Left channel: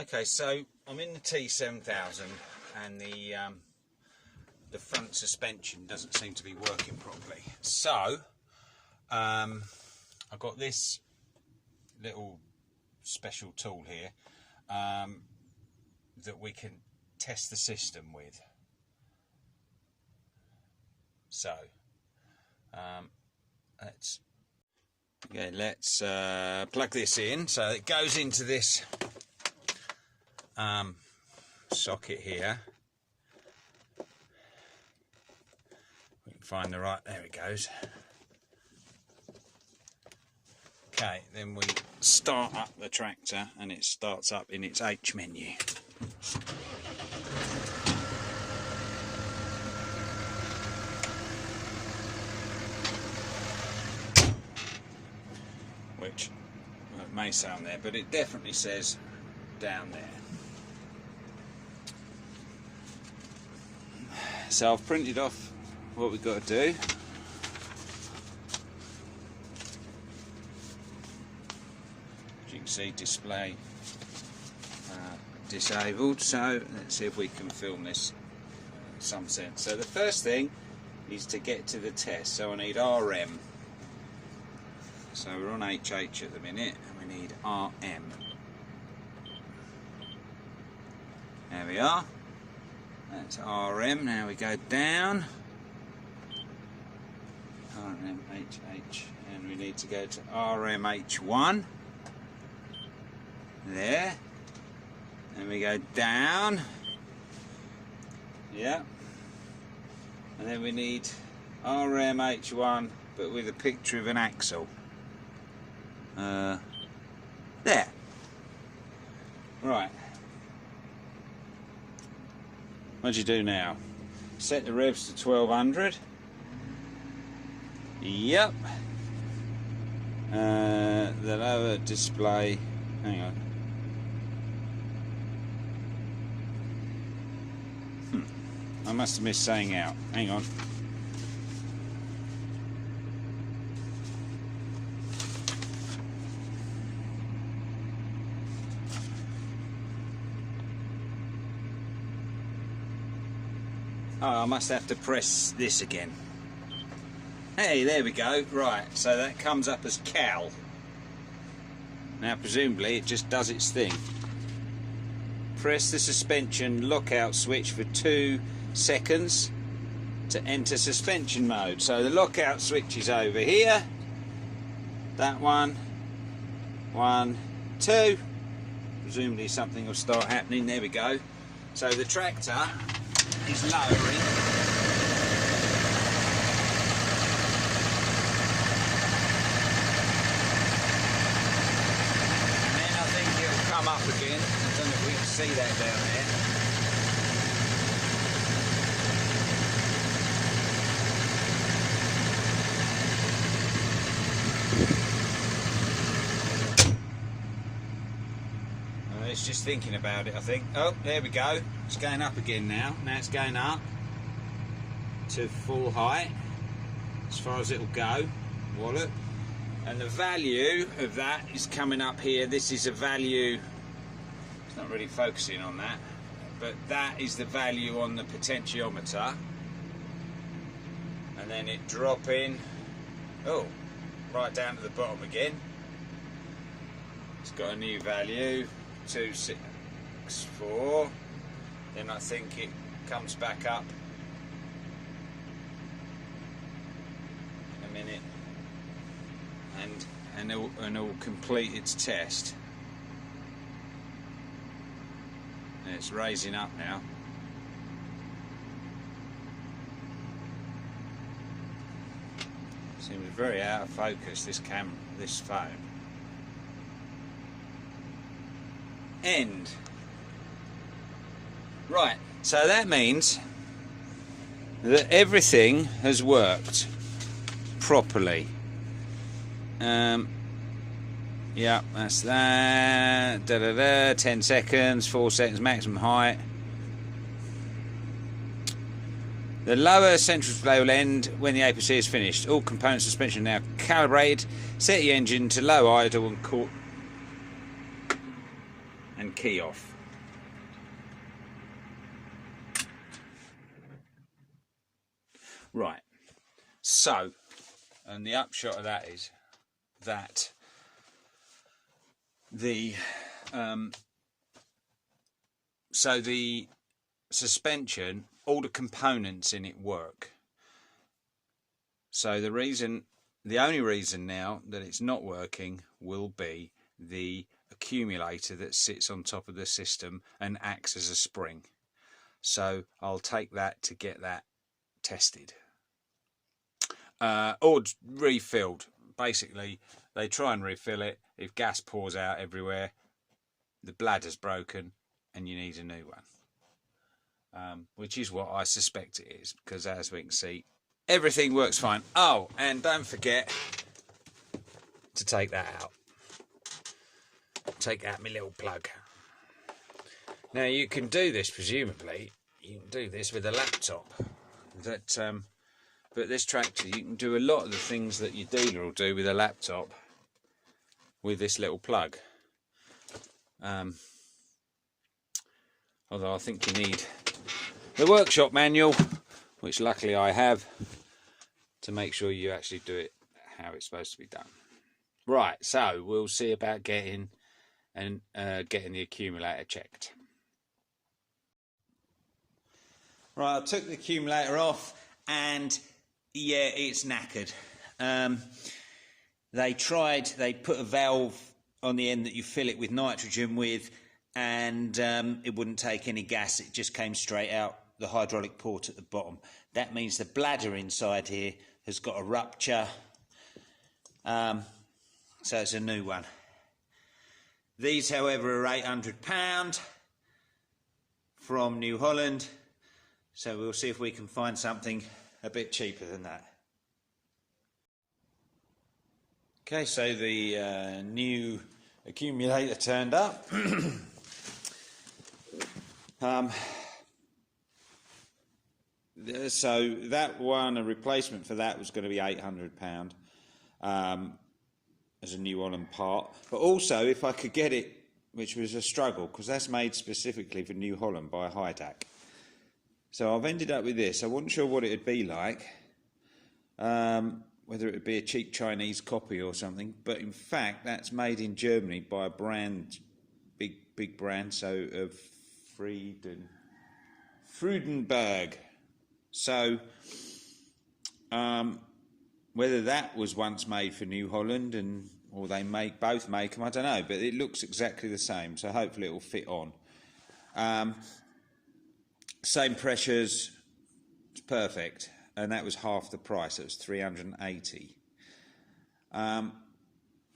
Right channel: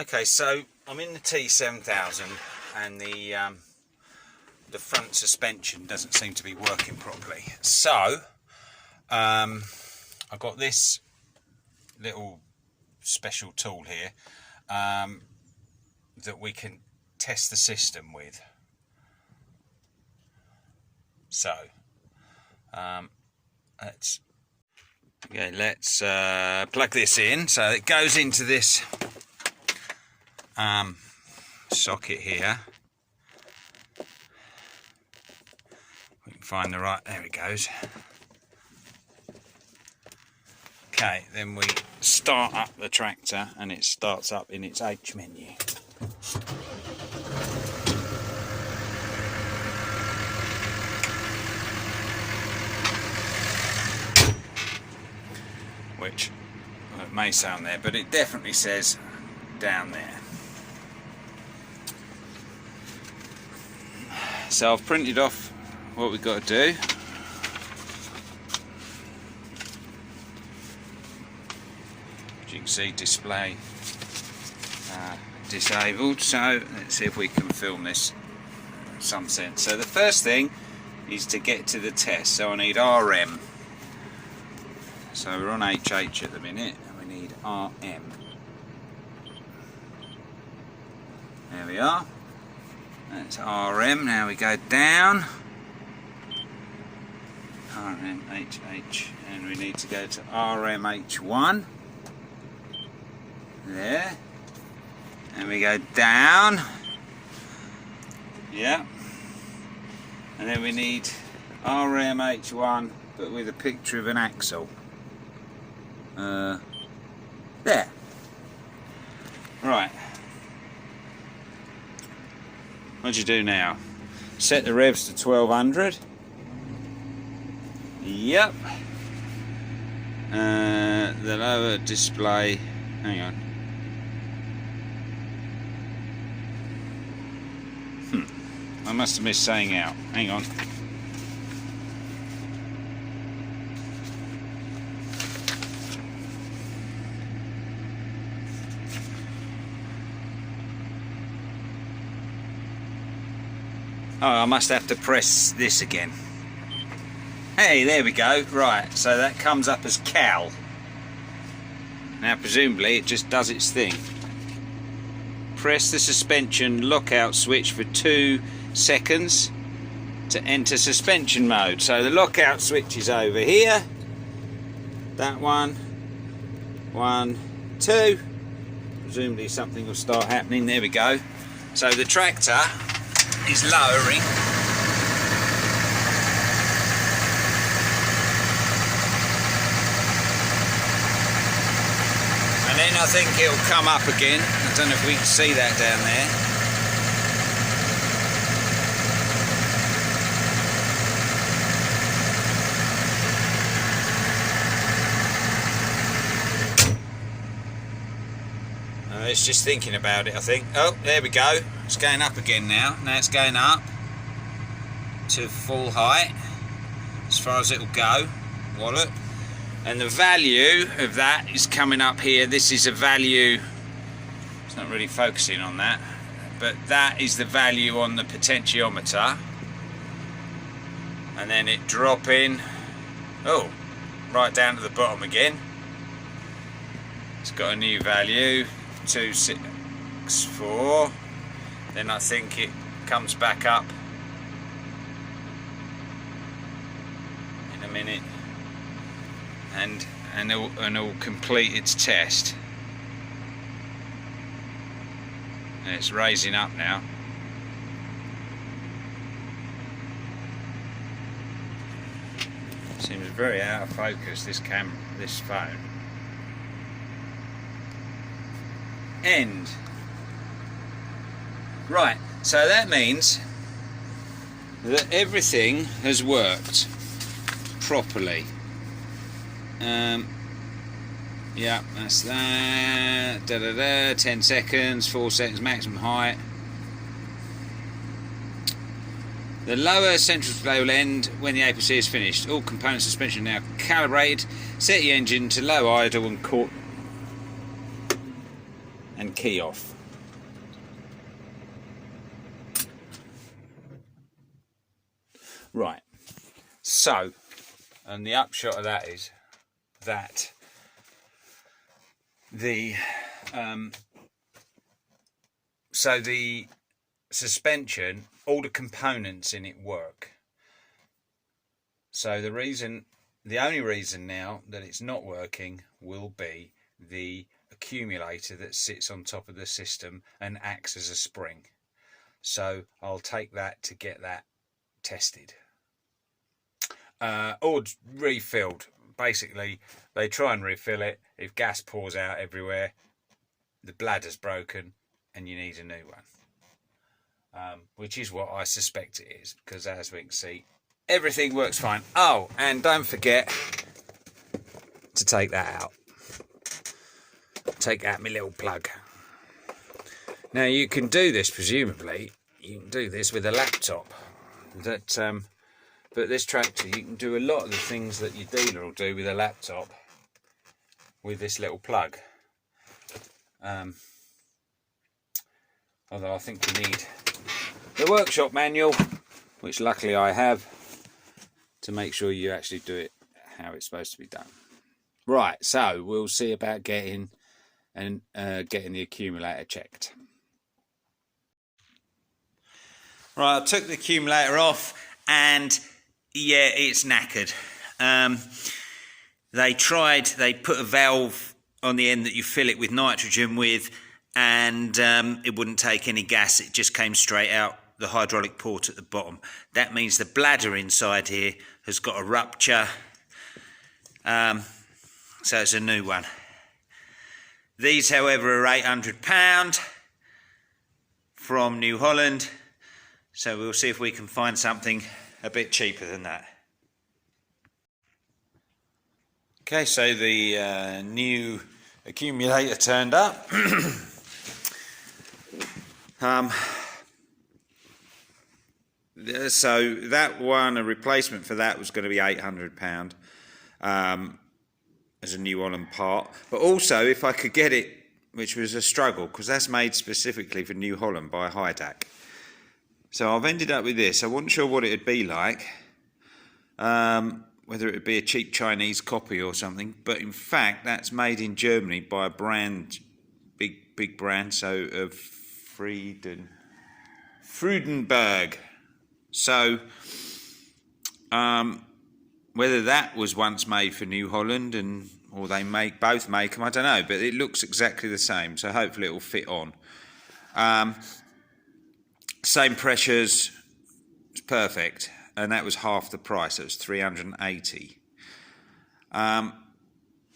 Okay, so I'm in the T7000 and the front suspension doesn't seem to be working properly. So I've got this little special tool here that we can test the system with. So let's plug this in. So it goes into this socket here. We can find the right, there it goes. Okay, then we start up the tractor and it starts up in its H menu. Which it may sound there, but it definitely says down there. So I've printed off what we've got to do. As you can see, display disabled. So let's see if we can film this in some sense. So the first thing is to get to the test. So I need RM. So we're on HH at the minute, and we need RM. There we are. That's RM. Now we go down. RMHH, and we need to go to RMH1. There. And we go down. Yeah. And then we need RMH1, but with a picture of an axle. There. Right. What do you do now? Set the revs to 1200. Yep. The lower display. Hang on. I must have missed saying out. Hang on. Oh, I must have to press this again. Hey, there we go. Right, so that comes up as Cal. Now, presumably, it just does its thing. Press the suspension lockout switch for 2 seconds to enter suspension mode. So the lockout switch is over here. That one. 1, 2. Presumably something will start happening. There we go. So the tractor is lowering. And then I think it'll come up again. I don't know if we can see that down there. It's just thinking about it, I think. Oh, there we go. It's going up again now. Now it's going up to full height, as far as it'll go. Wallop. And the value of that is coming up here. This is a value. It's not really focusing on that, but that is the value on the potentiometer. And then it dropping. Oh, right down to the bottom again. It's got a new value. 264. Then I think it comes back up in a minute, and it'll complete its test. And it's raising up now. Seems very out of focus, this phone. End. Right, so that means that everything has worked properly. Yeah, that's that. 10 seconds, 4 seconds maximum height. The lower central display will end when the APC is finished. All component suspension now calibrated. Set the engine to low idle and and key off. Right, so, and the upshot of that is that the suspension, all the components in it work. So the only reason now that it's not working will be the accumulator that sits on top of the system and acts as a spring. So I'll take that to get that tested. Or refilled. Basically, they try and refill it. If gas pours out everywhere, the bladder's broken and you need a new one. Which is what I suspect it is, because as we can see, everything works fine. Oh, and don't forget to take that out. Take out my little plug. Now you can do this, presumably, you can do this with a laptop. But this tractor, you can do a lot of the things that your dealer will do with a laptop with this little plug. Although I think you need the workshop manual, which luckily I have, to make sure you actually do it how it's supposed to be done. Right, so we'll see about getting the accumulator checked. Right, I took the accumulator off and yeah, it's knackered. They put a valve on the end that you fill it with nitrogen with, and it wouldn't take any gas. It just came straight out the hydraulic port at the bottom. That means the bladder inside here has got a rupture. So it's a new one. These, however, are £800 from New Holland. So we'll see if we can find something a bit cheaper than that. Okay, so the new accumulator turned up. So that one, a replacement for that was going to be £800 as a New Holland part. But also, if I could get it, which was a struggle, because that's made specifically for New Holland by Hydac. So I've ended up with this. I wasn't sure what it would be like, whether it would be a cheap Chinese copy or something. But in fact, that's made in Germany by a brand, big brand, so of Freudenberg. So whether that was once made for New Holland or they both make them, I don't know. But it looks exactly the same, so hopefully it will fit on. Same pressures, it's perfect, and that was half the price. It was $380.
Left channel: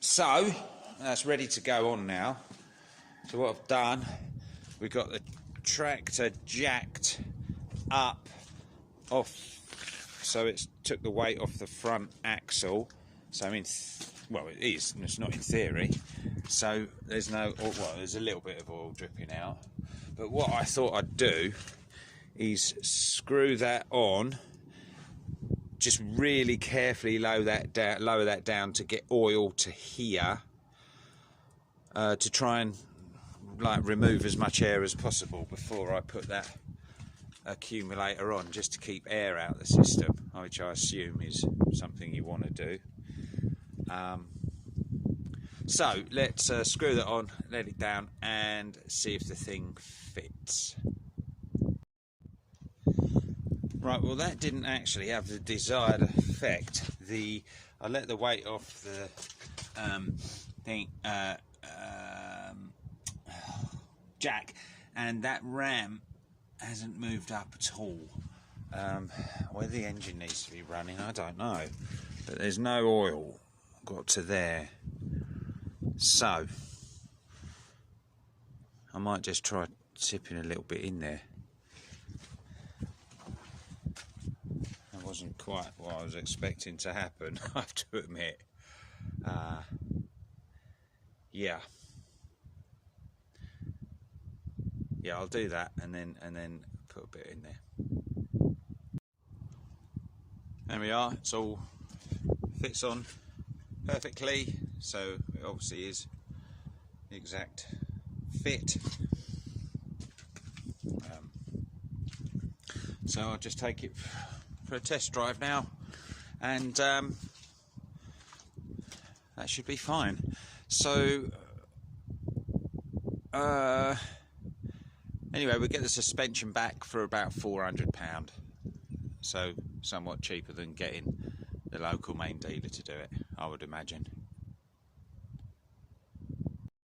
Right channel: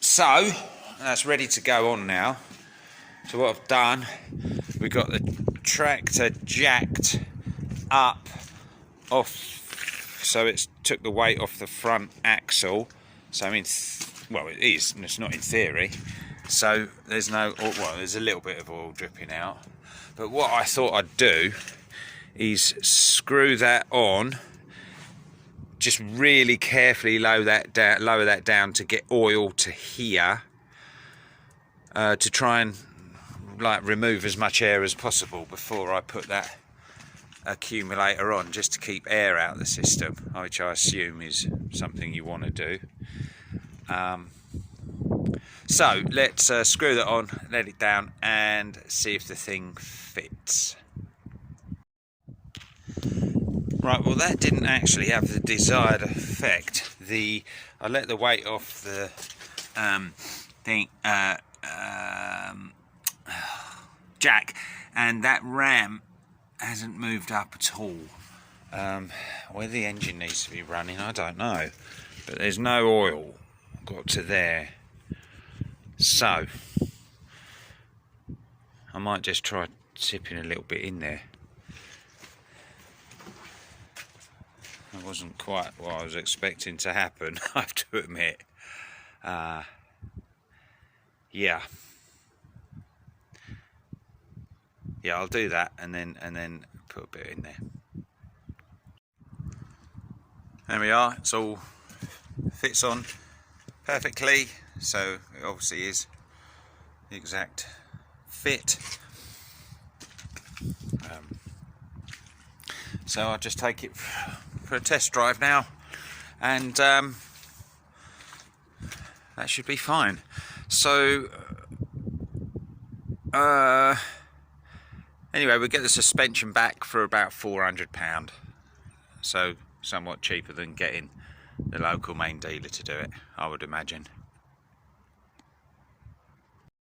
So that's ready to go on now. So what I've done, we've got the tractor jacked up off, so it's took the weight off the front axle. So I mean, well, it is, and it's not in theory. So there's there's a little bit of oil dripping out. But what I thought I'd do is screw that on, just really carefully lower that down to get oil to here, to try and remove as much air as possible before I put that accumulator on, just to keep air out of the system, which I assume is something you want to do. So let's screw that on, let it down, and see if the thing fits. Right, well that didn't actually have the desired effect. I let the weight off the jack, and that ram hasn't moved up at all. Where the engine needs to be running, I don't know, but there's no oil got to there. So I might just try tipping a little bit in there. It wasn't quite what I was expecting to happen, I have to admit. Yeah, I'll do that and then put a bit in there. There we are. It's all fits on perfectly, so it obviously is the exact fit. So I'll just take it for a test drive now, and that should be fine. So anyway, we get the suspension back for about £400, so somewhat cheaper than getting the local main dealer to do it, I would imagine.